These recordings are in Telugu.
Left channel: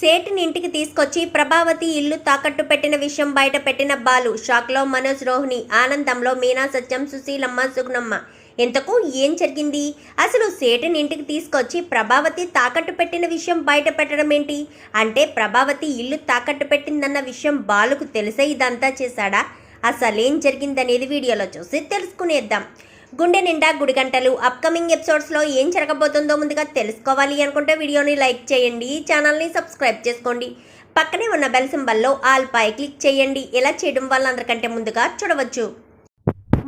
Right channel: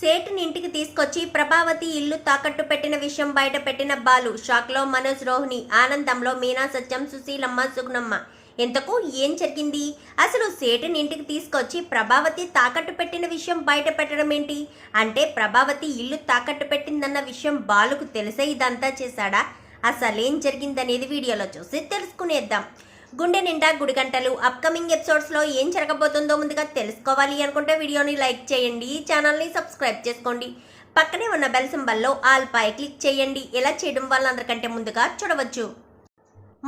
సేటుని ఇంటికి తీసుకొచ్చి ప్రభావతి ఇల్లు తాకట్టు పెట్టిన విషయం బయట పెట్టిన బాలు. షాక్లో మనోజ్ రోహిణి ఆనందంలో మీనా సత్యం సుశీలమ్మ సుగుణమ్మ. ఇంతకు ఏం జరిగింది? అసలు సేటుని ఇంటికి తీసుకొచ్చి ప్రభావతి తాకట్టు పెట్టిన విషయం బయట పెట్టడం ఏంటి? అంటే ప్రభావతి ఇల్లు తాకట్టు పెట్టిందన్న విషయం బాలుకు తెలిసే ఇదంతా చేశాడా? అసలేం జరిగిందనేది వీడియోలో చూసి తెలుసుకునేద్దాం. గుండె నిండా గుడిగంటలు అప్కమింగ్ ఎపిసోడ్స్లో ఏం జరగబోతుందో ముందుగా తెలుసుకోవాలి అనుకుంటే వీడియోని లైక్ చేయండి ఛానల్ని సబ్స్క్రైబ్ చేసుకోండి. పక్కనే ఉన్న బెల్ సింబల్లో ఆల్ పై క్లిక్ చేయండి. ఇలా చేయడం వల్ల అందరికంటే ముందుగా చూడవచ్చు.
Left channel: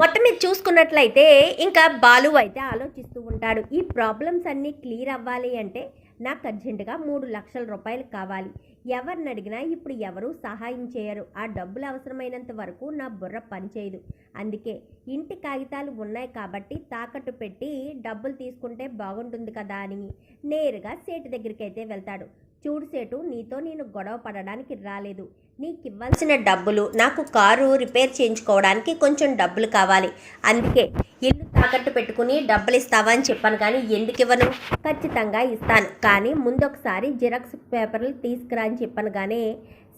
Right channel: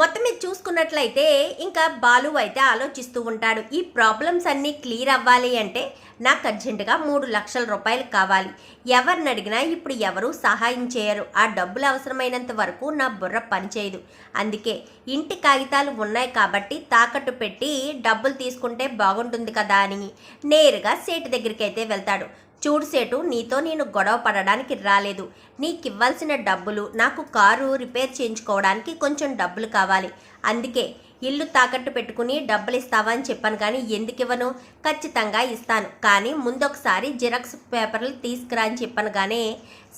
మొత్తం మీద చూసుకున్నట్లయితే ఇంకా బాలు అయితే ఆలోచిస్తూ ఉంటాడు. ఈ ప్రాబ్లమ్స్ అన్నీ క్లియర్ అవ్వాలి అంటే నాకు అర్జెంటుగా మూడు లక్షల రూపాయలు కావాలి. ఎవరిని అడిగినా ఇప్పుడు ఎవరు సహాయం చేయరు. ఆ డబ్బులు అవసరమైనంత వరకు నా బుర్ర పనిచేయదు. అందుకే ఇంటి కాగితాలు ఉన్నాయి కాబట్టి తాకట్టు పెట్టి డబ్బులు తీసుకుంటే బాగుంటుంది కదా అని నేరుగా సేటు దగ్గరికి అయితే వెళ్తాడు. చూడు సేటు నీతో నేను గొడవ పడడానికి రాలేదు. నీకు ఇవ్వాల్సిన డబ్బులు నాకు కారు రిపేర్ చేయించుకోవడానికి కొంచెం డబ్బులు కావాలి. అందుకే ఇల్లు తాకట్టు పెట్టుకుని డబ్బులు ఇస్తావా అని చెప్పాను కానీ ఎందుకు ఇవ్వను ఖచ్చితంగా ఇస్తాను. కానీ ముందు ఒకసారి జిరాక్స్ పేపర్లు తీసుకురా అని చెప్పాను కానీ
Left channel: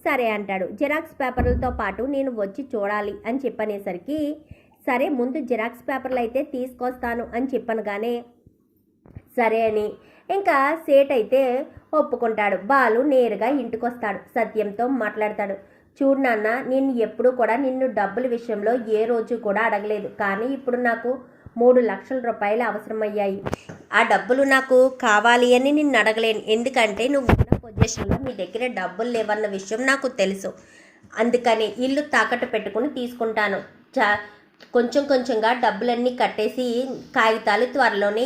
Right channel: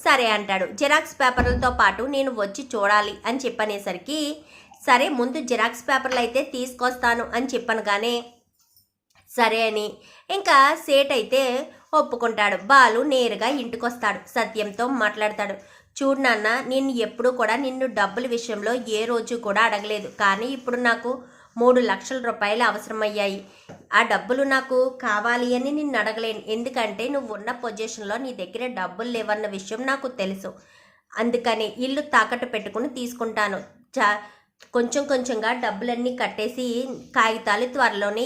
సరే అంటాడు. జిరాక్స్ పేపర్లతో పాటు నేను వచ్చి చూడాలి అని చెప్పనేసరికి సరే ముందు జిరాక్స్ పేపర్లు అయితే తీసుకొస్తాను అని చెప్పాను కానీ సరే అని. ఇంకా సేట్ అయితే ఒప్పుకుంటాడు. బాలు నేరుగా ఇంటికొస్తాడు. సత్యంతో మాట్లాడతాడు. చూడు నాన్న నేను ఎప్పుడు కూడా నిన్ను డబ్బుల విషయంలో ఏ రోజు కూడా అడగలేదు. కానీ ఇప్పుడు నాకు మూడు లక్షల రూపాయలు అవసరమయ్యాయి. ఆ డబ్బులు నాకు కావాలి అని నిన్ను అడగలేను. ఎందుకంటే నువ్వు ఉన్న పొజిషన్లో నీ దగ్గర డబ్బులు లేవన్న విషయం నాకు తెలుసు. అందుకని ఇల్లు తాకట్టు పెట్టుకుని తీసుకుంటాను. చా కొంచెం కొంచెంగా డబ్బులన్నీ కట్టేసి కాగితాలు త్వరలోనే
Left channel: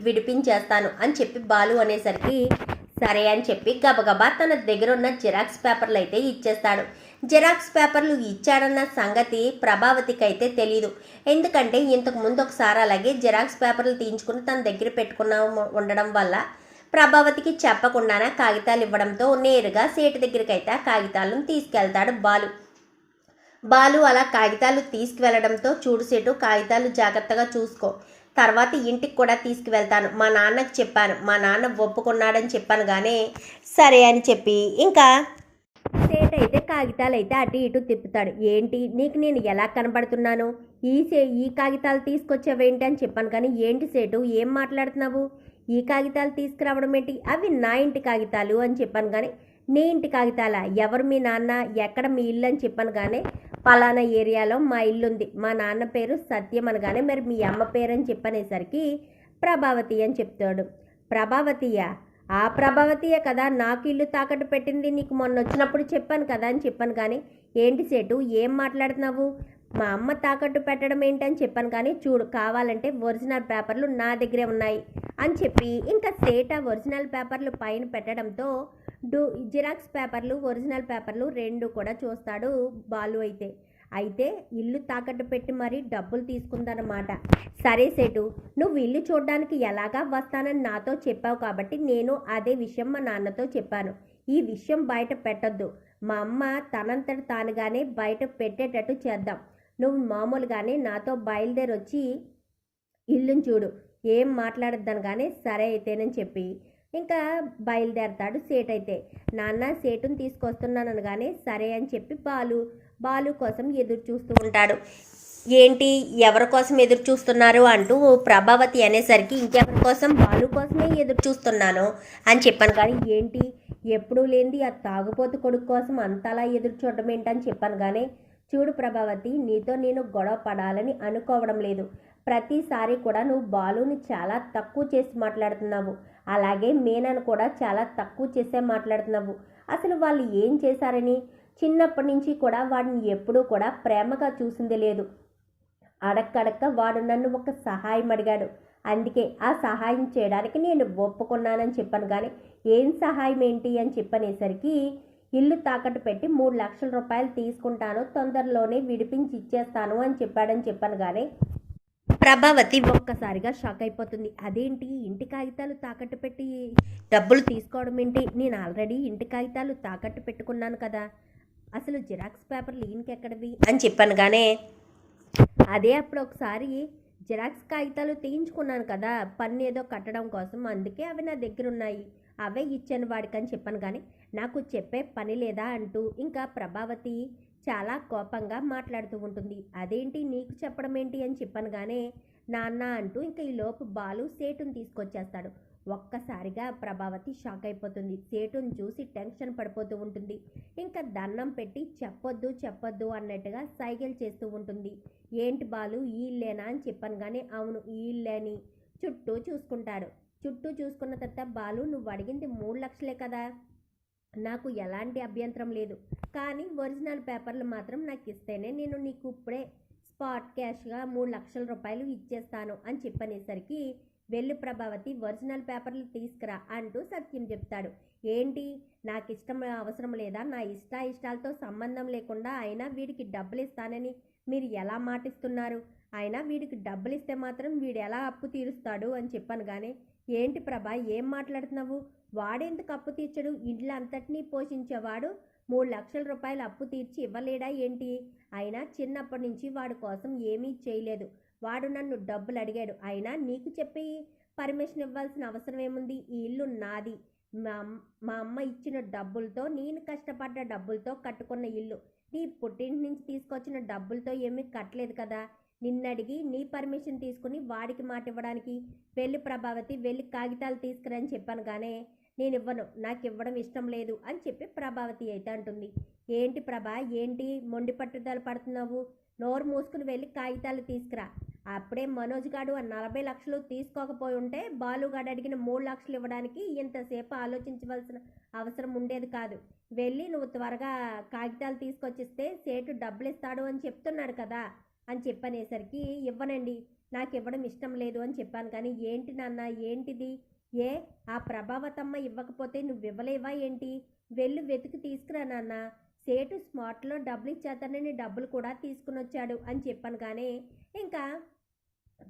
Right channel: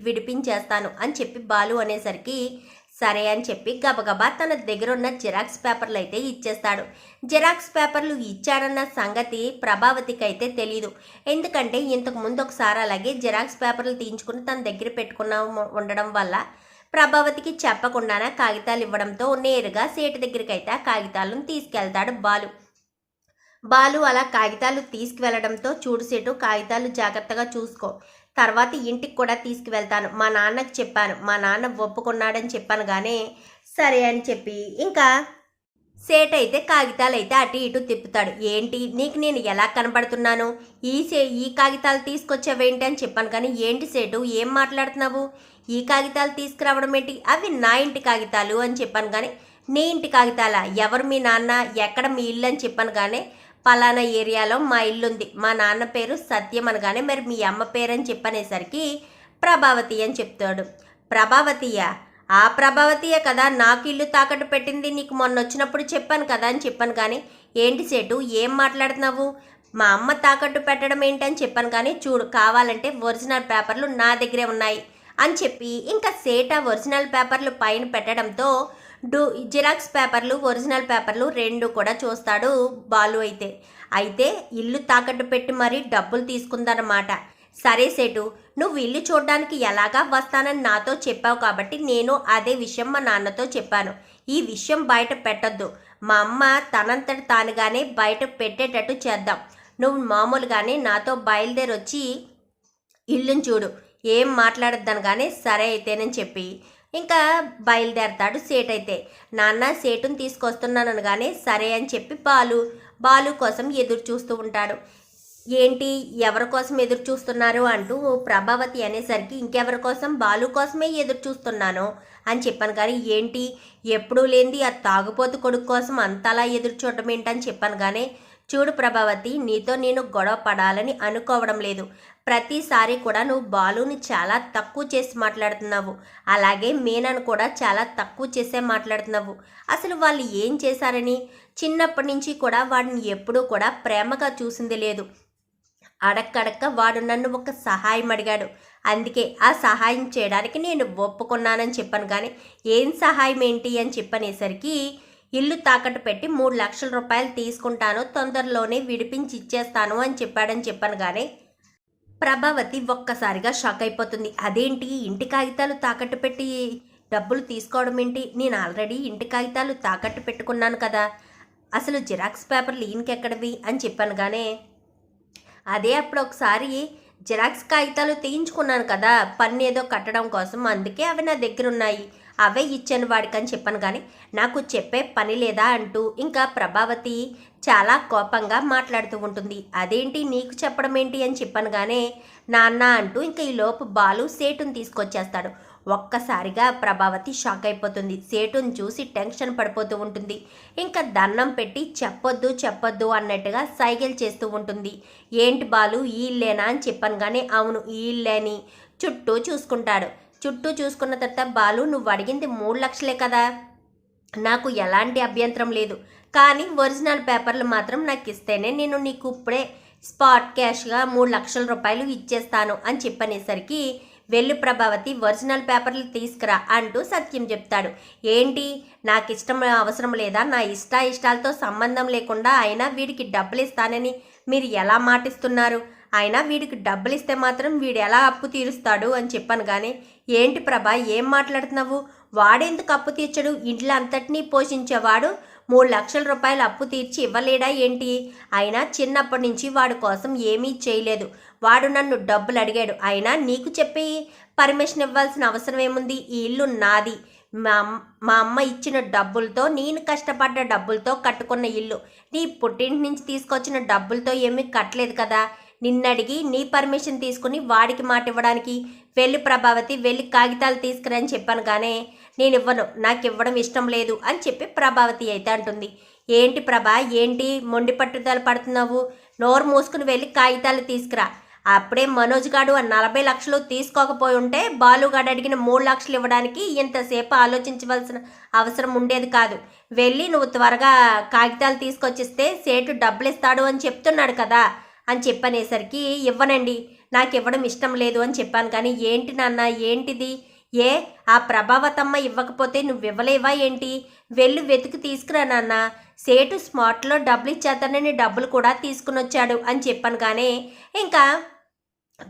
విడిపించేస్తాను అని చెప్పి బాలు అనేసరికి సరే అని చెప్పి గబగబా తన దగ్గర ఉన్న జిరాక్స్ పేపర్లు అయితే ఇచ్చేస్తాడు. జిరాక్స్ పేపర్లు ఇచ్చాడన్న సంగతి ప్రభావతికి అయితే తెలియదు ఎందుకంటే ఇంతకు ముందు ఒకసారి అలాగే జిరాక్స్ పేపర్లు తీయించుకుని తన దగ్గర పెట్టుకున్న ఉండడం వల్ల ప్రభావతికి చెప్పకుండానే కాగితాలు ఇవ్వడంతో నేరుగా సేటు దగ్గరికి అయితే ఆ కాగితాలను తీసుకెళ్తాడు బాలు. బాలు అలా కాగితాలు తీసుకువెళ్ళడంతో చూడు సీటు కాగితాలు జాగ్రత్తగా చూసుకో. తర్వాత ఇంటికి కూడా తీసుకువెళ్తాను. మా నాన్నకు చెప్పాను. మా నాన్న ఒప్పుకున్నాడని చెప్పాను కానీ సరే అని చెప్పి ఇంకా సేట్ అయితే కాగితాలు అయితే అటు ఇటు తిప్పుతాడు. ఏంటి? నీకు నేను ఎలా కనబడుతున్నాను? ఈ సే ఈ కాగితాలు తీసుకొచ్చావేంటి అని చెప్పాను కానీ ఏంటి సేటు? ఏం మాట్లాడుతున్నావు? ఈ కాగితాలు తీసుకురావడం ఏంటి? అవి నా ఇంటి కాగితాలు అని చెప్పాను కానీ నీ ఇంటి కాగితాలా? ఎవరు మీ నాన్న? ఎక్కడ మీ ఇల్లు అని చెప్పాను కానీ పలానా ఏరియాలో మా ఇల్లు ఉంది మా నాన్న పేరు సత్యం అనగానే మరి మీ అమ్మ పేరు అని చెప్పనేసరికి ప్రభావతి అని చెప్తాడు. ప్రభావతియా? ఆ ప్రభావతియే కదా నాకు ఇల్లు తాకట్టు పెట్టింది. నీకు మొన్న వచ్చినప్పుడు చెప్పాను కదా అని చెప్పాను కానీ ఏంటి సేటు? ఏం మాట్లాడుతున్నావు? మా అమ్మ తాకట్టు పెట్టడం ఏంటని చెప్పాను కానీ చూడు కావాలంటే ఒరిజినల్ పేపర్లు నా దగ్గరే ఉన్నాయి అని చెప్పి ఇంకా సేట ఒరిజినల్ పేపర్లు పైన పెట్టడంతో డు జిరాక్స్ పేపర్లు ఒరిజినల్ పేపర్లు రెండు కూడా చూస్తాడు బాలు అయితే. అయితే ఇల్లు తాకట్టు పెట్టి మరీ డబ్బులు తీసుకుందన్నమాట. సరే సేటు నువ్వు ఇల్లు చూడడానికి ఎలాగా వస్తానని నాతో చెప్పావు కాబట్టి నేను అదే విషయం మా నాన్నతో చెప్పాను. ఈ విషయం బయట పెట్టొద్దు. మా అమ్మ తనంతట తానుగానే బయట పెట్టేటట్టు చేద్దాం. నువ్వు మామూలుగానే నాతో బయలుదేరి వచ్చి ఇల్లుని చూడు. ఏం మాట్లాడద్దాను కానీ సరే అయితేనని చెప్పి ఇంకా బయలుదేరతాడు సేట్ అయితే. నాన్న సేటుని తీసుకొస్తున్నాను అనగానే సరే అని చెప్పి బాలు బాలు కోసం ఎదురు చూస్తూ ఉంటాడు. ఏంటి ఎవరి కోసం ఎదురు చూస్తున్నారు? అంటూ ప్రభావతి అనేసరికి ఇంకెవరి కోసం? బాలు కోసమే ఎదురు చూస్తున్నాను అని చెప్పాను. కానీ ఏంటి? ఎప్పుడూ లేనిది ఆ తాగుపోతు కొడుకు కోసం అంతలా ఎదురు చూడడం ఏంటని చెప్పాను. కానీ చూడు ప్రభావతి నీతో నేను గొడవ పడాలని అనుకోవడం లేదు. ప్రతిసారి కూడా నువ్వు బాలుని చాలా తక్కువ చేసి మాట్లాడుతున్నావు. అలాగే మీనను కూడా చాలా తక్కువ చేసే మాట్లాడుతున్నావు. అసలు వాళ్ళు ఏం చేశారని? చిన్నప్పటి నుంచి కూడా వాడిని ఎప్పుడూ కూడా ప్రేమగా చూసింది లేదు. అడక్కడక్క వాడు నన్ను ఒక సహాయం అడిగాడు. అందుకే ఆ సహాయం చేయడానికి నేను ఒప్పుకున్నానని చెప్పాను. కానీ ఏం సహాయం ఏంటి అని చెప్పనేసరికి ఇల్లు తాకట్టు పెట్టి మూడు లక్షల రూపాయలు తీసుకుంటాను తొందరలోనే విడిపించి ఇచ్చేస్తాను అని చెప్పాడని చెప్పాను కానీ ప్రభావతి ఒక్కసారిగా షాక్ అయిపోతుంది. అదేంటి? ఇంటి కాగితాలు తాకట్టు పెట్టి డబ్బులు తీసుకోవడం ఏంటి? నేను ఆల్రెడీ ఇంటి కాగితాలు తాకట్టు పెట్టుకున్నాను కదా. అసలు జిరాక్స్ పేపర్లు ఈయనకెక్కడివి? అని చెప్పాను కానీ అదే అప్పుడు ఒకసారి జిరాక్స్ కాగితాలు తీయించుకున్నాను కదా పన్ను ఏదో కట్టడం కోసం అందుకే అవి నా దగ్గర ఉన్నాయి అవే ఇచ్చాను వాడికి అని చెప్పాను కానీ నాకు చెప్పే పని లేదా అంటూ ఇంకా ప్రభావతి చాలా కోపంగా మాట్లాడుతూ ఉంటుంది. అదేంటి నీకు చెప్పడం ఏంటి అని చెప్పాను కానీ నాన్న అంటూ ఇంకా ఈ లోపు బాలు సేటుని తీసుకొచ్చేస్తాడు. ఒక్కసారిగా ప్రభావతి షాక్ అయిపోతుంది. సేటుని చూసి టెన్షన్ పడిపోతూ ఉంటుంది. ఇంకా దండం పెట్టి చెప్పొద్దు చెప్పొద్దు అన్నట్టుగా సైకిల్ చేస్తూ ఉంటుంది. ఏంటి బాలు ఈ లేనా అని చెప్పాను కానీ అవును ఈ ఇల్లేని చుట్టూ చూసుకుంటాడు. చుట్టూ చూసుకున్న తర్వాత బాలు నువ్వు అడిగింది మూడు లక్షలే కదా. నాకు ఎలాంటి అభ్యంతరం లేదు. కానీ ఒరిజినల్ పేపర్లు మాత్రం నాకు ఇస్తేనే నేను నీకు ఇప్పుడే స్పాట్ క్యాష్గా మూడు లక్షల రూపాయలు ఇచ్చేస్తాను అని చెప్పనేసరికి వెళ్ళు ప్రభావతి ఒరిజినల్ పేపర్లు తీసుకురా అంటూ సత్యం చెప్తాడు. ఏంటి? నాకు ఇష్టం అవసరం లేదా? నా ఇష్ట ఇష్టాలతో సంబంధం లేకుండా అయినా వీడికి డబ్బులు ఇస్తానని మీరు ఎలా మాటిస్తున్నారు? అయినా వీడికి డబ్బులు ఇస్తే మాత్రం వీడు ఎలా అప్పు తీరుస్తాడు? అని చెప్పాను కానీ ఏంటి ప్రభా ఏం మాట్లాడుతున్నావు? వాడెందుకు అప్పు తీర్చడు? ఇంట్లో అంతటినీ పోషించేవాడు మూడు లక్షల రూపాయలు అప్పు తీర్చి ఇవ్వలేడా ఏంటి? అయినా చిన్నప్పటి నుంచి వాడి కోసం ఏమీ చేయలేదు. వాడు నన్ను డబ్బులు అడిగాడు. అయినా నీకు చెప్పి పర్మిషన్ ఇవ్వాల్సిన అవసరం ఏముంది? ఈ ఇల్లు నాది. మా అమ్- మా అమ్మ ఇచ్చిన డబ్బులతో నేను కష్టపడ్డ డబ్బులతో కట్టుకున్న ఇల్లు. నీ పుట్టింటి నుంచి తీసుకొచ్చిన డబ్బులతో ఏమీ కట్టలేదు కదా? నిన్నడిగి నీ పర్మిషన్ తీసుకుని వాడికి మాట ఇవ్వడానికి వెళ్ళి ప్రభావతి వెళ్ళి కాగితాలు తీసుకురని చెప్పాను కానీ నేను ఇవ్వను నాకు ఇవ్వడం ఇష్టం లేదు అని చెప్పి ప్రభావతి అయితే అంటుంది. ఏంటి ప్రభా ఏంటి మొండి పట్టుదల పడుతున్నావు? నోరు మూసుకుని వెళ్ళి కాగితాలు తీసుకురా. అప్పుడే మనోజ్ గాడు ఆ నలభై లక్షలు తీసుకోకపోయి ఉంటే బాలుగాడు అడిగిన మూడు లక్షలు ఇవ్వడానికి ఇంతసేపు ఆలోచించవలసిన అవసరం ఉండేది కాదు. వెళ్ళి నువ్వు త్వరగా కాగితాలు తీసుకొచ్చిస్తే సేటు డబ్బులు ఇస్తాడు అని చెప్తున్నాడు కదా. అని చెప్పనేసరికి ఇవ్వనండి. నాకు ఇవ్వడం ఇష్టం లేదు అని చెప్పాను. కానీ ఏంటి నాన్న ఏంటిది? ఏ? ఆ ప్రభావతమ్మ ఇవ్వకపోతే నువ్వు ఇవ్వలేవా ఏంటి? వెళ్ళి వెతికి తీసుకురా నాన్న. సేటు స్మార్ట్లో డబ్బులు ఇచ్చేస్తానని డబ్బులు కూడా తీసుకుని వచ్చాడు అని చెప్పాను. కానీ ఇంకా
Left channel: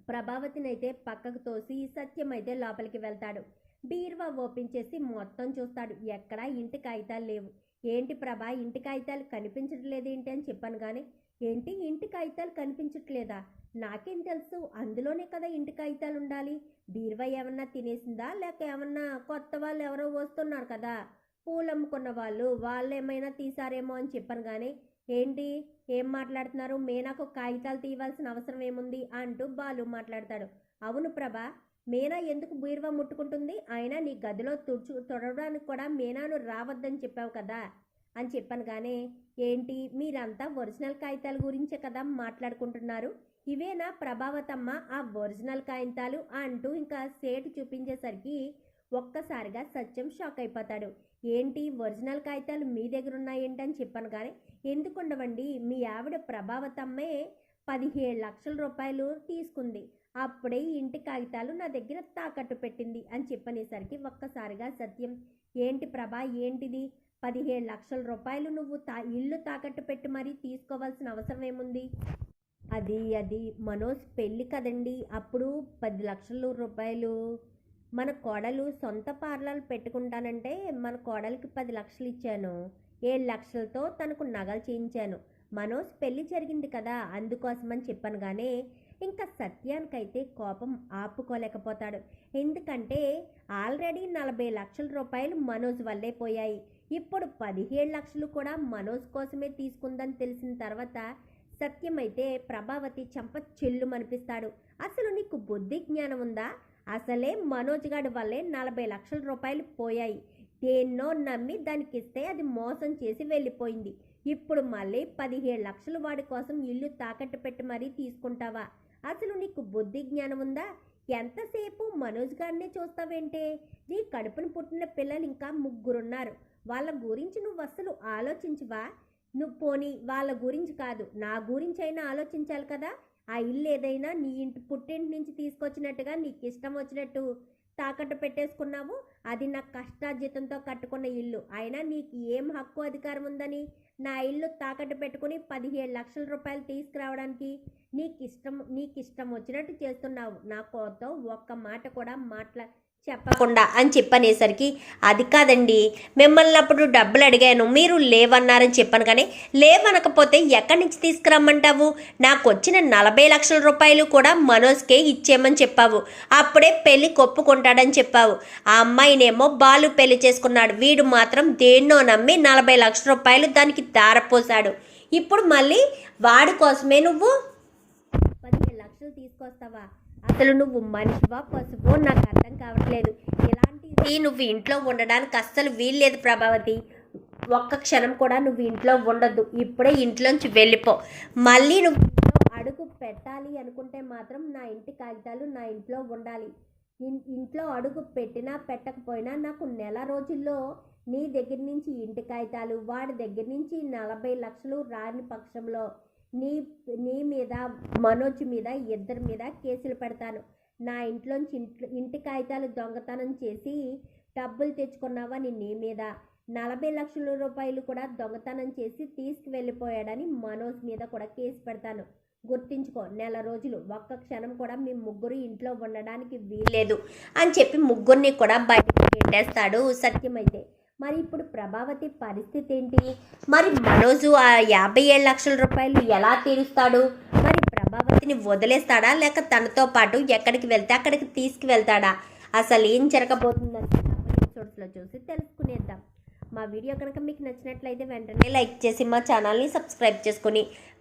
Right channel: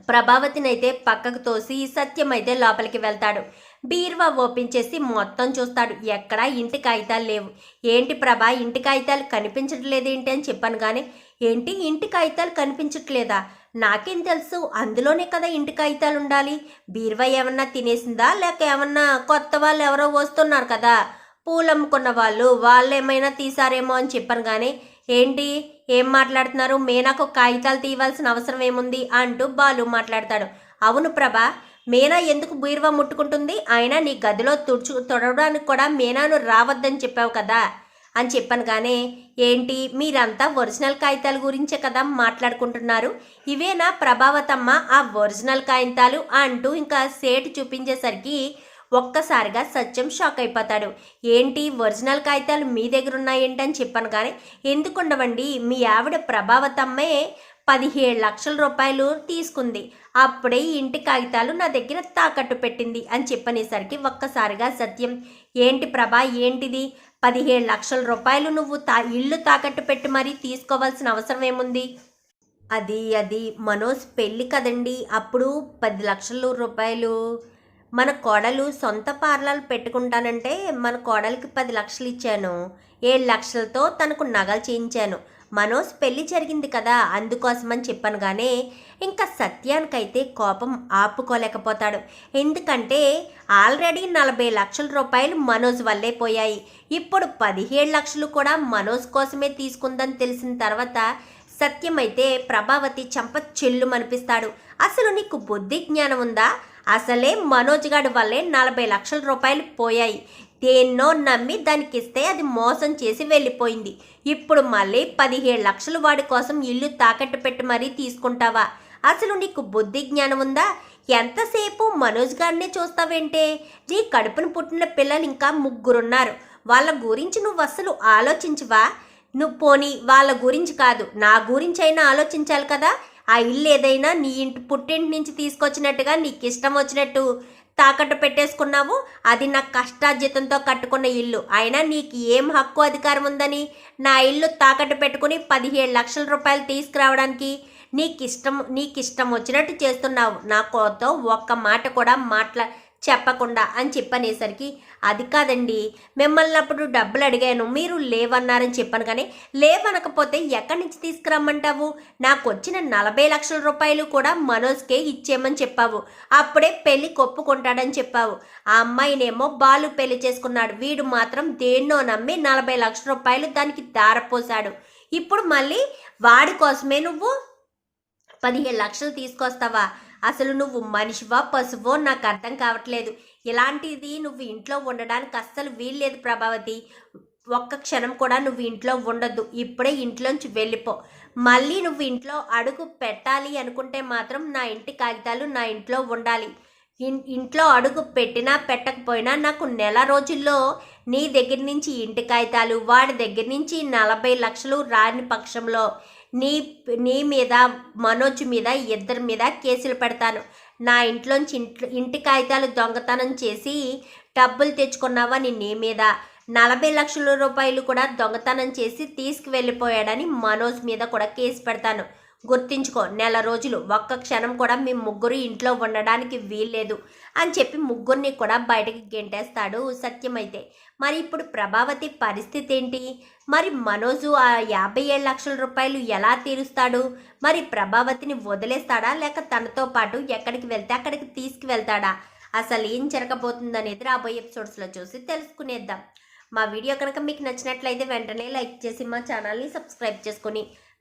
ప్రభావతిని అయితే పక్కకు తోసి సత్యం అయితే లోపలికి వెళ్తాడు. బీరువా ఓపెన్ చేసి మొత్తం చూస్తాడు. ఎక్కడా ఇంటి కాగితాలు లేవు. ఏంటి ప్రభా ఇంటి కాగితాలు కనిపించట్లేదు ఏంటి అని చెప్పాను. కానీ ఏంటి ఇంటి కాగితాలు కనిపించట్లేదా? నాకేం తెలుసు అందులోనే కదా ఇంటి కాగితాలు ఉండాలి. బీరువా ఏమన్నా తినేసిందా? లేక ఏమన్నా కొత్త వాళ్ళు ఎవరో వస్తున్నారు కదా? పూలు అమ్ముకున్న వాళ్ళు వాళ్ళు ఏమైనా తీసారేమో అని చెప్పాను కానీ ఏంటి? ఏం మాట్లాడుతున్నారు? మేనాకు కాగితాలు తీయవలసిన అవసరం ఏముంది? అంటూ బాలు మాట్లాడతాడు. అవును ప్రభా మీనా ఎందుకు బీరువా ముట్టుకుంటుంది? అయినా నీ గదిలో తుడుచు తొడవడానికి కూడా మీనాను రావద్దని చెప్పావు కదా. అని చెప్పాను కానీ ఏంటి మీరంతా ఒరిజినల్ కాగితాల గురించే కదా మాట్లాడుకుంటున్నారు? ఇవేనా ప్రభావతమ్మ ఆ ఒరిజినల్ కాగితాలు అంటూ ఇంకా సేటు చూపించేసరికి ఒక్కసారిగా సత్యం షాక్ అయిపోతాడు. ఏంటి ఒరిజినల్ కాగితాలు మీ దగ్గర ఉన్నాయేంటి అని చెప్పాను కానీ ఎందుకు ఉండవండి మీ ఆవిడ ప్రభావతమ్మే పదిహేడు లక్షల రూపాయలు తీసుకుంది. అప్పుడే ఈ ఇంటి కాగితాలు నా దగ్గర తాకట్టు పెట్టింది అని చెప్పనేసరికి ఒక్కసారిగా సత్యం ఏంటి ప్రభా ఏంటిది? పదిహేడు లక్షల రూపాయలు నువ్వు తా ఇల్లు తాకట్టు పెట్టి మరీ తీసుకోవాల్సిన అవసరం ఏముంది? అది అది మనోజ్ పెళ్ళి కదండి అప్పుడు పది లక్షల రూపాయలు. మన కోడలు సొంత పార్లర్ పెట్టుకుంటానంటే మన కోడలికి పది లక్షలు ఇచ్చాను. ఏడు లక్షలతో తనకు నగలు చేయించాను. మనోజ్ పెళ్ళి జరిగింది కదా అందుకోసమని చెప్పాను ఇంకా సత్యానికైతే కోపం ఆపుకోలేకపోతాడు. ఎందుకంటే ఆల్రెడీ నలభై లక్షల రూపాయలు మనోజ్ వల్లే పోయాయి. ఇప్పుడు పదిహేడు లక్షలు కూడా మనోజ్ కోసమే తీసుకుందని తెలిసిన తర్వాత సత్యమైతే ప్రభావతి చంప చెల్లు మనిపిస్తాడు అసలు నీకు బుద్ధి జ్ఞానం ఉందా? అసలే మనోజ్ గాడి వల్లే నలభై లక్షల రూపాయలు పోయాయి. దేన్నో నమ్మి దానికి ఇస్తే అది మోసం చేసి వెళ్ళిపోయింది. ఇప్పుడు మళ్ళీ పదిహేడు లక్షలు వాడి కోసం ఇల్లు తాకట్టు పెట్టి మరీ తీసుకుంటావా? అసలు నీకు బుద్ధి జ్ఞానం ఉందా? ఎంతసేపు మనోజ్ గారినే చూస్తావేంటే? నీ కడుపున పుట్టిన పిల్లలు ఇంకా ముగ్గురున్నారు. వాళ్ళ గురించి నువ్వు అసలు ఆలోచించవా? నువ్వు పోనీ వాళ్ళ గురించి కాదు నా గురించి అయినా ఆలోచించాలి కదా? ఆ ఇల్లు ఏదైనా నీ ఇంటి పుట్టింటి నుంచి తీసుకొచ్చినట్టుగా నీకు ఇష్టం వచ్చినట్టు. తాకట్టు పెట్టేసుకున్నావు? అది నా కష్టార్జితంతో కట్టుకున్న ఇల్లు. అయినా నీకు ఏం హక్కు అధికారం ఉందని? నా ఇల్లు తాకట్టు పెట్టుకుని పదిహేడు లక్షల రూపాయలు తీసుకురావడానికి నీకు ఇష్టం నీకు ఇష్టం వచ్చినట్టు చేస్తున్నావు. నా కోతో ఒక్క మాట కూడా మాట్లా చెప్పకుండా అని చెప్పనేసరికి అది కాదండి మిమ్మల్ని అప్పుడు డబ్బులు అడిగాను మీరు లేవన్నారని చెప్పాను కానీ లేవనకపోతే ఎక్కడి నుంచి తీసుకురమ్మంటావు? నాకు వచ్చిన నలభై లక్షల రూపాయలు కూడా మనోజ్కే ఇచ్చేయమని చెప్పావు. అప్పుడే పెళ్ళి కొప్పుకుంటాడని చెప్పావు. ఆ అమ్మాయినేమో బాలు పెళ్ళి చేసుకున్నాడు. వీడు మాత్రం దేన్నో నమ్మి నలభై లక్షల రూపాయలు దానికి దారపోసాడు ఇప్పుడు మళ్ళీ వాడి కోసమే నువ్వు పదిహేను లక్షలు తీసుకొస్తావా? అసలు నువ్వు మనిషివా పశువో? నాకు అర్థం కావట్లేదు. ఇలాంటిది నువ్వు ఇంట్లో ఉండడానికి అస్సలు వీల్లేదు ప్రభావతి. ఒక్క క్షణం కూడా నువ్వు ఇంట్లో ఉండొద్దు. ఇప్పుడే ఇంట్లోంచి వెళ్ళిపో. మళ్ళీ నువ్వు ఇంట్లో అడుగు పెట్టాలి అనుకుంటే మాత్రం నా ఇంటి కాగితాలు నా ఇంట్లో ఉండాలి. ఇన్- ఇంట్లో అడుగు పెట్టినా పెట్టకపోయినా నాకు నెల రోజుల్లో నీ దగ్గర నుంచి ఇంటి కాగితాలు వాడి దగ్గర నుంచి నలభై లక్షలు రాని పక్షంలో నీ నీ మీద మనోజ్ మీద ఇద్దరి మీద కేసులు పెడతాను. నా ఇంట్లోంచి ఇంట్లో ఇంటి కాగితాలు దొంగతనం చేసి డబ్బులు తెచ్చుకున్నావా నీ నీ మీద? నలభై లక్షల రూపాయలు కూడా దొంగతనం చేసి తీసుకువెళ్ళిపోయాడని మనోజ్ మీద కూడా కేసు పెడతాను. గుర్తించుకో. నెల రోజులు ఒక్క క్షణం కూడా మీ ముగ్గురు ఇంట్లో ఉండడానికి వీల్లేదు అని చెప్పి ముగ్గురిని కూడా బయటకు గెంటేస్తాడు సత్యమైతే. మరి ఇప్పుడు ప్రభావతి పరిస్థితి ఏంటి? మరి మనోజు ఆ యాభై ఏడు లక్షల రూపాయలు ఎలా తీరుస్తాడు? మరి ప్రభావతిని వదిలేస్తాడా? లేక తనతో పాటు ఎక్కడికి వెళ్తే అక్కడికి తీసుకువెళ్తాడా? అసలు ఏం జరగబోతుందనేది రాబోయే ఎపిసోడ్స్లో చూసి తెలుసుకునేద్దాం. మా వీడియో కనుక మీకు నచ్చినట్లయితే వెంటనే లైక్ చేసి మా ఛానల్ని సబ్స్క్రైబ్ చేసుకుని